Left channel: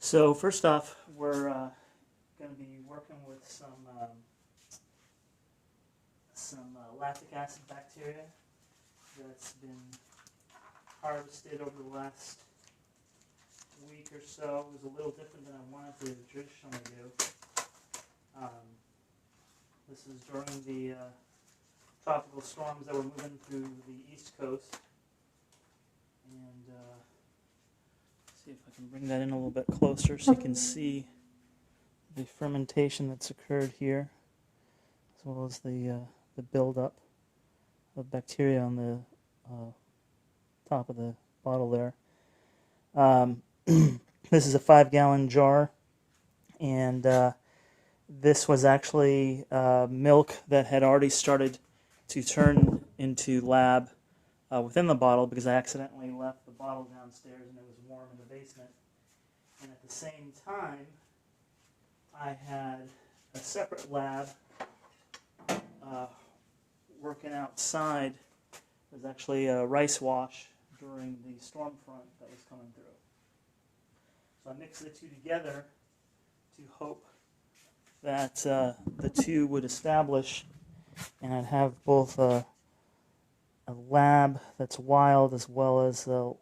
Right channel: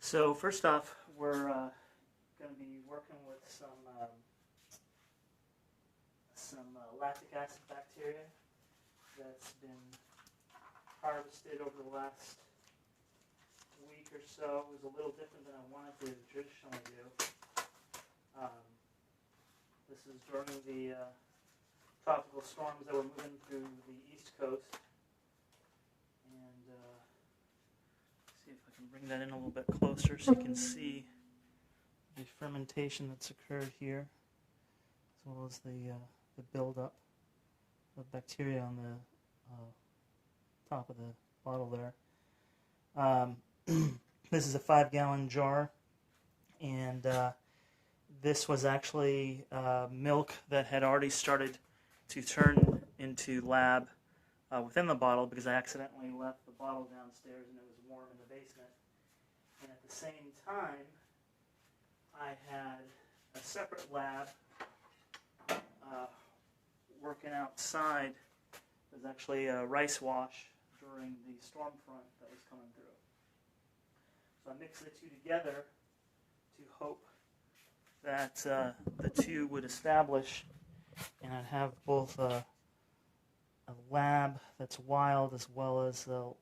So first off, we're going to be working with some lactic acid bacteria that's been harvested over the last week or so. It was a little different than I wanted to traditionally do. This is during the tropical storms that were moving through the East Coast. And see if I can bring that in a little bit closer so you can see the fermentation that's occurred here, as well as the buildup of bacteria on the top of the bottle there. This is a 5-gallon jar, and this was actually milk that had already started to turn into lab within the bottle, because I accidentally left the bottle downstairs and it was warm in the basement. And at the same time, I had a separate lab working outside. It was actually a rice wash during the storm front that was coming through. So I mixed the two together to hope that the two would establish, and I'd have both a lab that's wild as well as the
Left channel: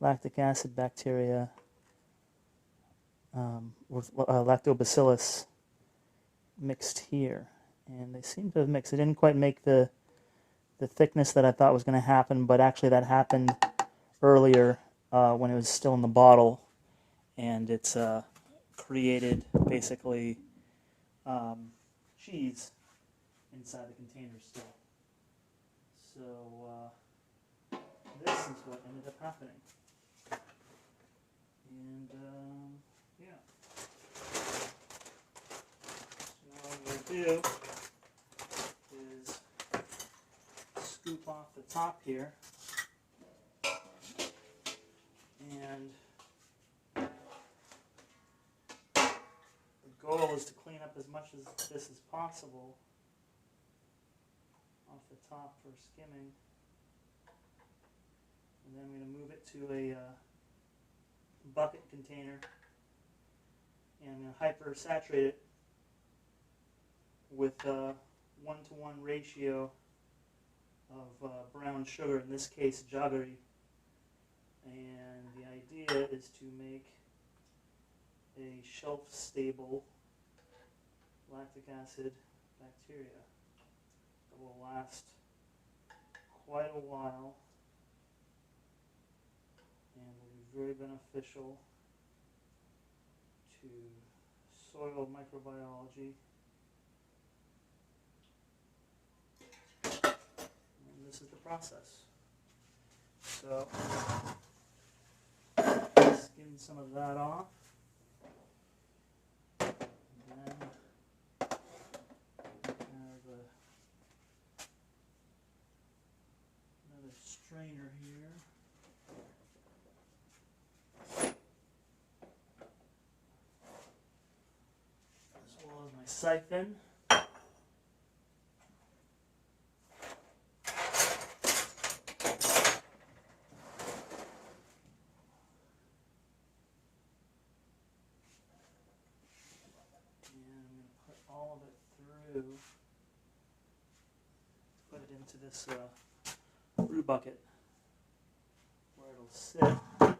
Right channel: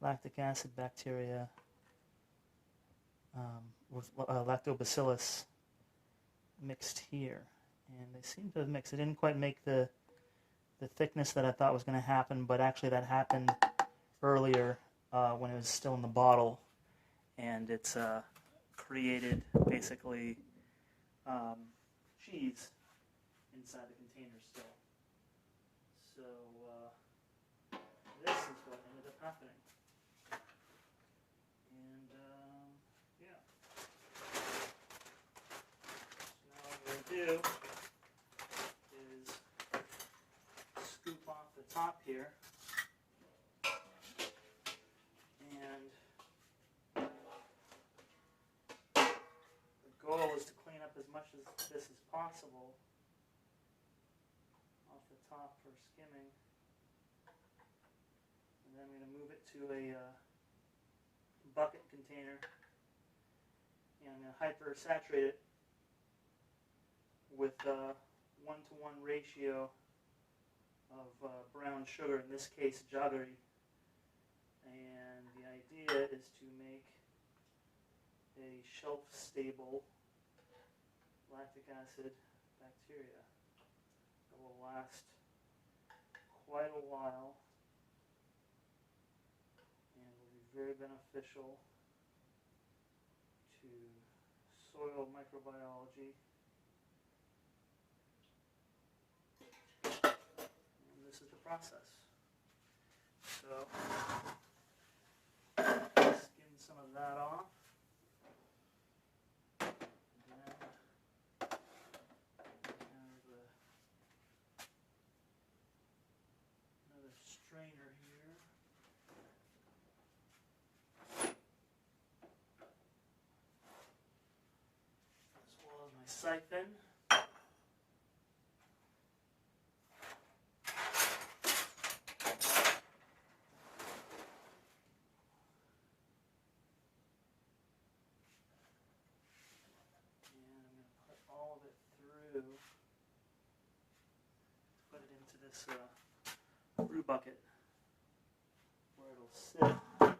lactic acid bacteria with lactobacillus mixed here. And they seem to have mixed. It didn't quite make the thickness that I thought was going to happen, but actually that happened earlier when it was still in the bottle, and it's created basically cheese inside the container still. So this is what ended up happening. And yeah. So now what I'm going to do is scoop off the top here, and the goal is to clean up as much of this as possible off the top for skimming, and then I'm going to move it to a bucket container, and I'm going to hyper-saturate it with a 1-to-1 ratio of brown sugar, in this case jaggery, and the idea is to make a shelf-stable lactic acid bacteria that will last quite a while and will be very beneficial to soil microbiology. And this is the process. So, skim some of that off. And then another strainer here. As well as my siphon. And I'm going to put all of it through, put it into this brew bucket where it'll sit.